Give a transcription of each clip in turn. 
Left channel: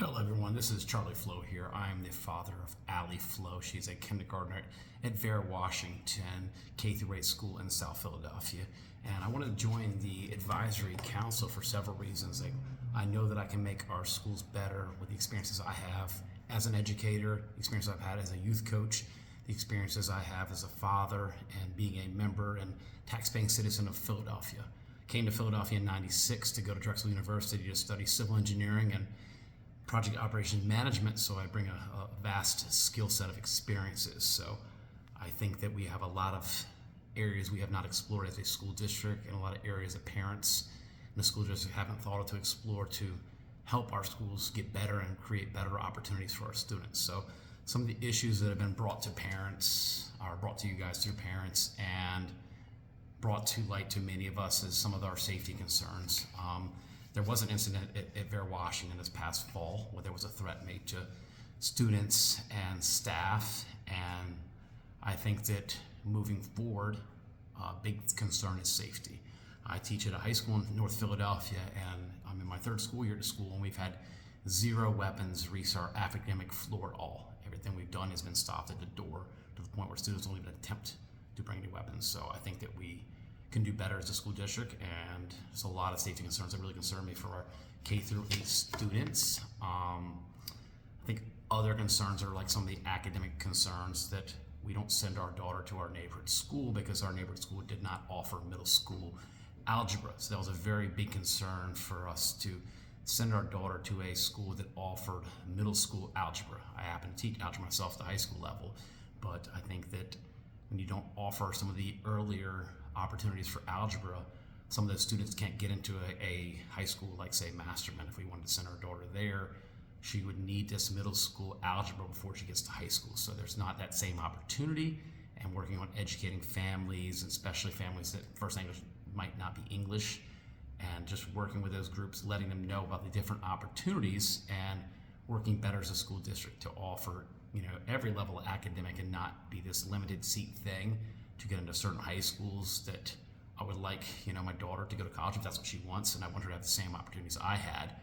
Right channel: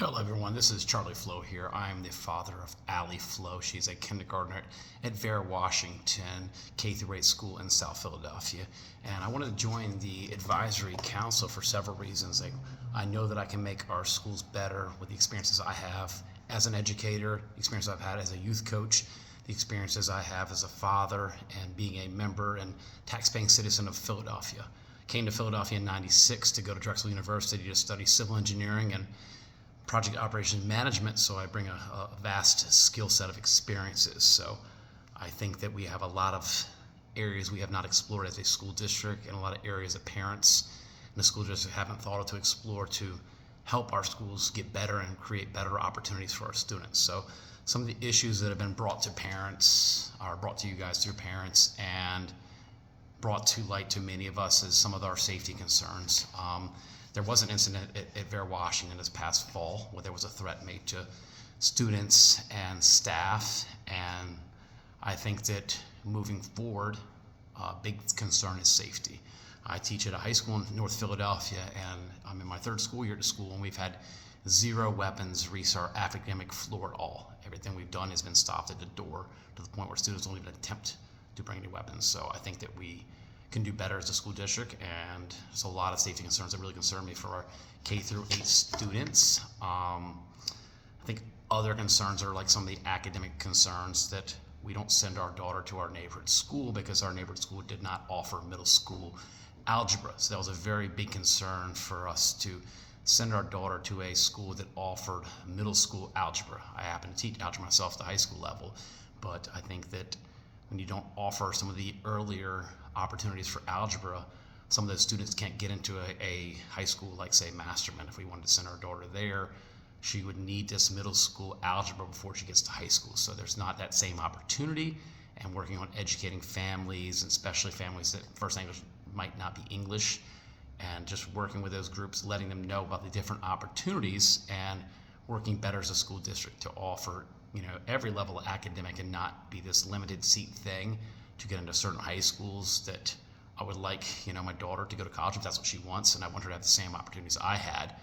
Hello, everyone. This is Charlie Flo here. I am the father of Allie Flo. She's a kindergartner at Vera Washington K through 8 school in South Philadelphia. And I wanted to join the advisory council for several reasons. I know that I can make our schools better with the experiences I have as an educator, the experiences I've had as a youth coach, the experiences I have as a father, and being a member and tax-paying citizen of Philadelphia. Came to Philadelphia in '96 to go to Drexel University to study civil engineering and project operations management, so I bring a vast skill set of experiences. So I think that we have a lot of areas we have not explored as a school district, and a lot of areas that parents in the school district haven't thought of to explore to help our schools get better and create better opportunities for our students. So some of the issues that have been brought to parents are brought to you guys through parents and brought to light to many of us is some of our safety concerns. There was an incident at Vera Washington this past fall where there was a threat made to students and staff, and I think that moving forward, a big concern is safety. I teach at a high school in North Philadelphia, and I'm in my third school year at school, and we've had zero weapons reach our academic floor at all. Everything we've done has been stopped at the door to the point where students don't even attempt to bring any weapons. So I think that we can do better as a school district, and there's a lot of safety concerns that really concern me for our K through 8 students. I think other concerns are like some of the academic concerns that we don't send our daughter to our neighborhood school because our neighborhood school did not offer middle school algebra. So that was a very big concern for us to send our daughter to a school that offered middle school algebra. I happen to teach algebra myself at the high school level, but I think that when you don't offer some of the earlier opportunities for algebra, some of those students can't get into a high school like, say, Masterman. If we wanted to send our daughter there, she would need this middle school algebra before she gets to high school. So there's not that same opportunity, and working on educating families, and especially families that first language might not be English, and just working with those groups, letting them know about the different opportunities, and working better as a school district to offer every level of academic and not be this limited seat thing to get into certain high schools that I would like, my daughter to go to college if that's what she wants, and I want her to have the same opportunities I had.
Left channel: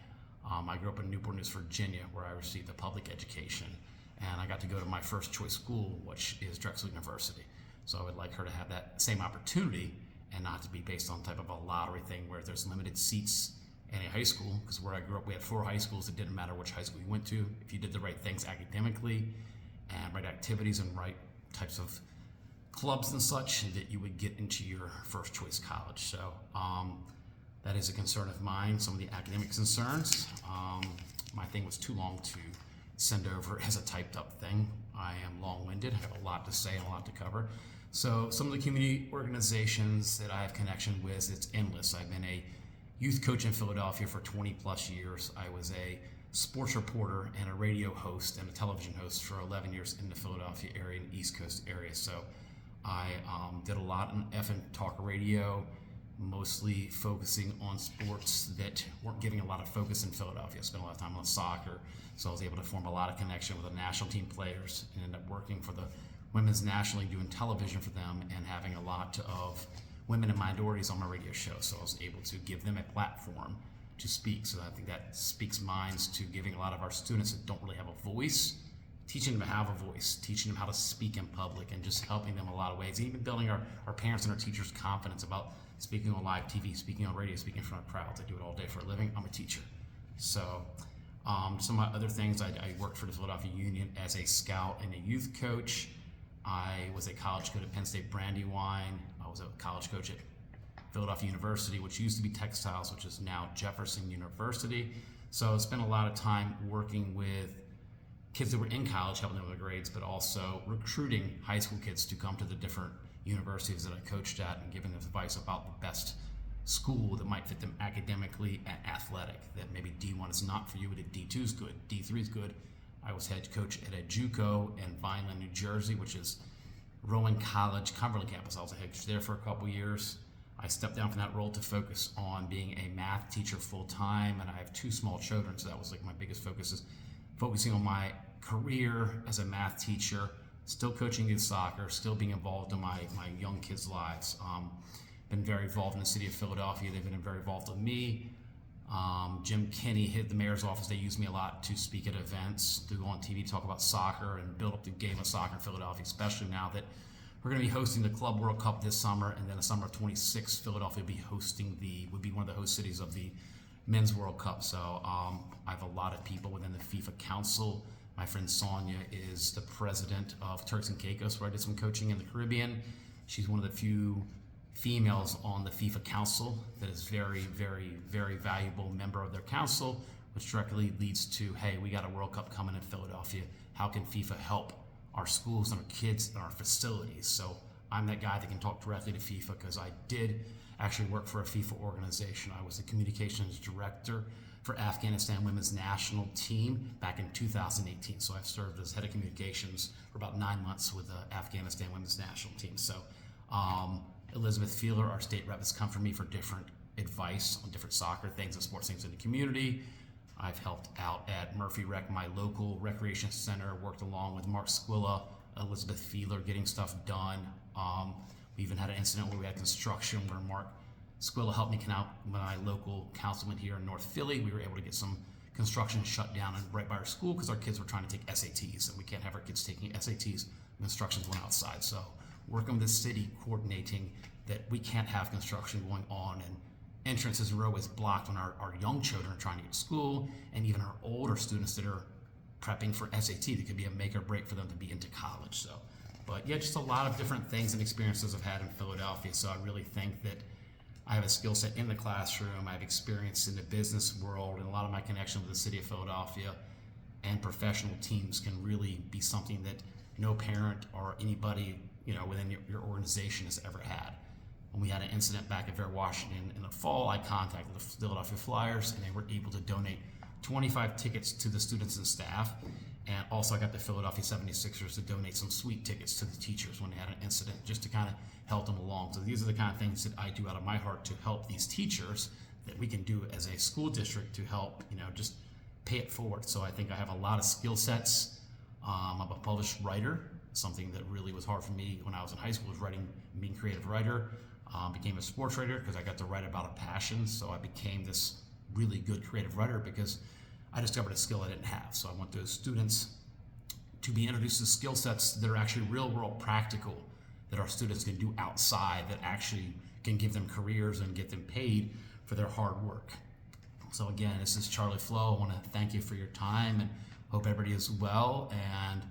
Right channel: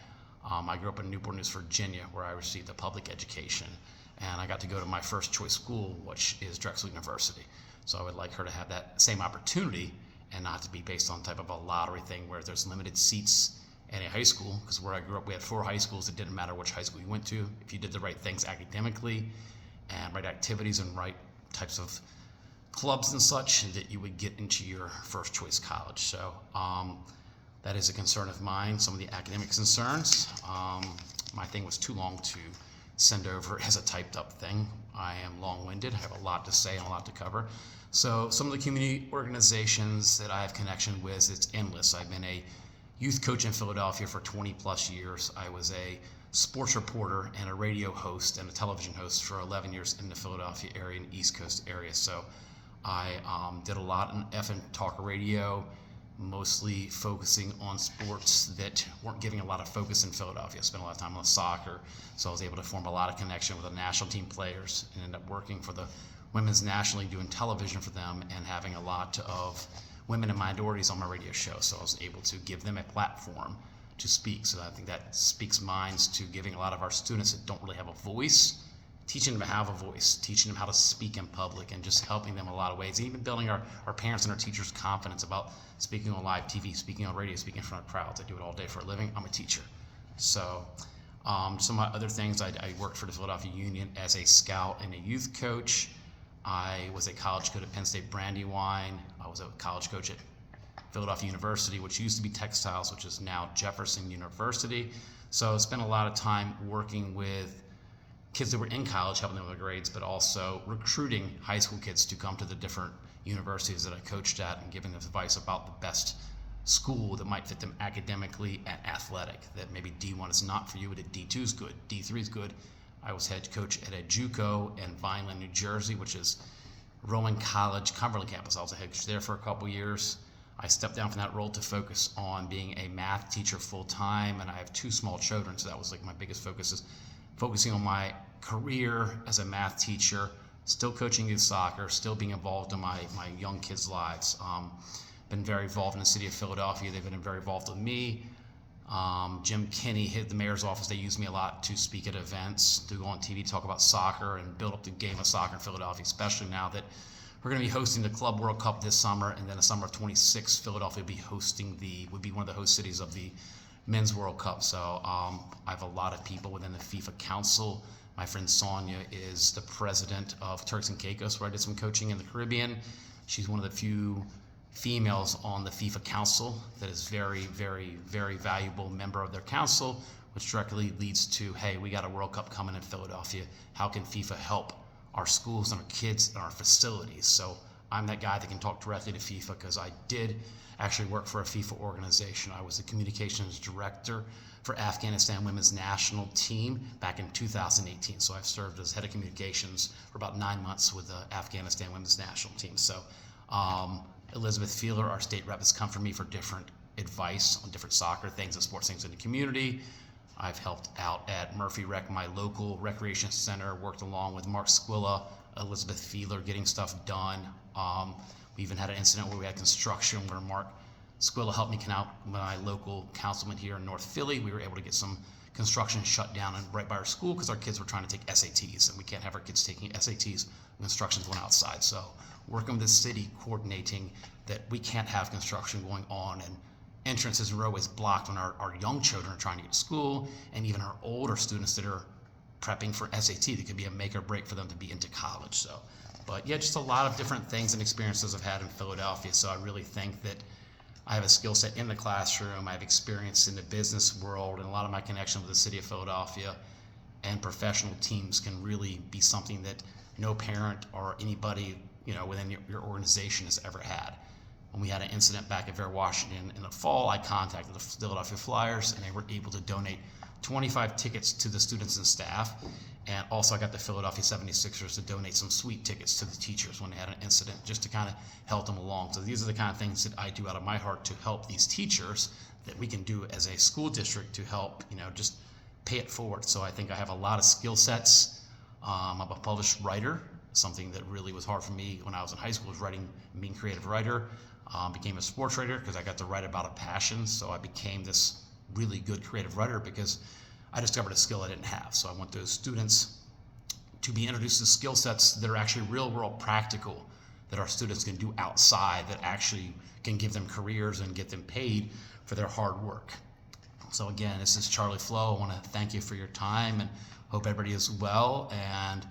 I grew up in Newport News, Virginia, where I received a public education, and I got to go to my first choice school, which is Drexel University. So I would like her to have that same opportunity and not to be based on type of a lottery thing where there's limited seats in a high school, because where I grew up, we had 4 high schools. It didn't matter which high school you went to. If you did the right things academically and right activities and right types of clubs and such, that you would get into your first choice college. So that is a concern of mine, some of the academic concerns. My thing was too long to send over as a typed up thing. I am long-winded, I have a lot to say and a lot to cover. So some of the community organizations that I have connection with, it's endless. I've been a youth coach in Philadelphia for 20 plus years. I was a sports reporter and a radio host and a television host for 11 years in the Philadelphia area and East Coast area. So I did a lot in FM talk radio, mostly focusing on sports that weren't getting a lot of focus in Philadelphia. I spent a lot of time on soccer, so I was able to form a lot of connection with the national team players and end up working for the Women's National League, doing television for them and having a lot of women and minorities on my radio show. So I was able to give them a platform to speak. So I think that speaks minds to giving a lot of our students that don't really have a voice, teaching them to have a voice, teaching them how to speak in public, and just helping them in a lot of ways, even building our parents and our teachers' confidence about speaking on live TV, speaking on radio, speaking in front of crowds. I do it all day for a living. I'm a teacher. So some of my other things, I worked for the Philadelphia Union as a scout and a youth coach. I was a college coach at Penn State Brandywine. I was a college coach at Philadelphia University, which used to be Textiles, which is now Jefferson University. So I spent a lot of time working with kids that were in college, helping them with their grades, but also recruiting high school kids to come to the different universities that I coached at and giving them advice about the best school that might fit them academically and athletic, that maybe D1 is not for you, but D2 is good, D3 is good. I was head coach at a JUCO in Vineland, New Jersey, which is Rowan College, Cumberland campus. I was a head coach there for a couple years. I stepped down from that role to focus on being a math teacher full-time, and I have 2 small children, so that was like my biggest focus, is focusing on my career as a math teacher, still coaching youth soccer, still being involved in my young kids' lives. Been very involved in the city of Philadelphia. They've been very involved with me. Jim Kinney hit the mayor's office. They use me a lot to speak at events, to go on TV, talk about soccer, and build up the game of soccer in Philadelphia, especially now that we're going to be hosting the Club World Cup this summer, and then the summer of 26, Philadelphia would be one of the host cities of the Men's World Cup. So I have a lot of people within the FIFA Council. My friend Sonia is the president of Turks and Caicos, where I did some coaching in the Caribbean. She's one of the few females on the FIFA Council that is very, very, very valuable member of their council, which directly leads to, hey, we got a World Cup coming in Philadelphia. How can FIFA help our schools and our kids and our facilities? So I'm that guy that can talk directly to FIFA, because I did actually work for a FIFA organization. I was the communications director for Afghanistan women's national team back in 2018. So I've served as head of communications for about 9 months with the Afghanistan women's national team. So Elizabeth Feeler, our state rep, has come for me for different advice on different soccer things and sports things in the community. I've helped out at Murphy Rec, my local recreation center, worked along with Mark Squilla, Elizabeth Feeler, getting stuff done. We even had an incident where we had construction where Mark Squilla helped me out with my local councilman here in North Philly. We were able to get some construction shut down and right by our school because our kids were trying to take SATs, and we can't have our kids taking SATs when construction's going outside. So working with the city, coordinating that we can't have construction going on, and entrances are always blocked when our young children are trying to get to school, and even our older students that are prepping for SAT. That could be a make or break for them to be into college. So, but yeah, just a lot of different things and experiences I've had in Philadelphia. So I really think that I have a skill set in the classroom. I have experience in the business world, and a lot of my connection with the city of Philadelphia and professional teams can really be something that no parent or anybody within your organization has ever had. When we had an incident back at Fair Washington in the fall, I contacted the Philadelphia Flyers, and they were able to donate 25 tickets to the students and staff. And also I got the Philadelphia 76ers to donate some sweet tickets to the teachers when they had an incident, just to kind of help them along. So these are the kind of things that I do out of my heart to help these teachers, that we can do as a school district to help, just pay it forward. So I think I have a lot of skill sets. I'm a published writer, something that really was hard for me when I was in high school, was writing and being a creative writer. Became a sports writer because I got to write about a passion. So I became this really good creative writer because I discovered a skill I didn't have. So I want those students to be introduced to skill sets that are actually real world practical, that our students can do outside, that actually can give them careers and get them paid for their hard work. So again, this is Charlie Flo. I want to thank you for your time and hope everybody is well, and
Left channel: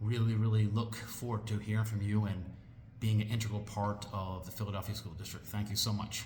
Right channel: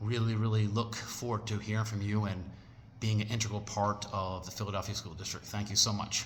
really, really look forward to hearing from you and being an integral part of the Philadelphia School District. Thank you so much.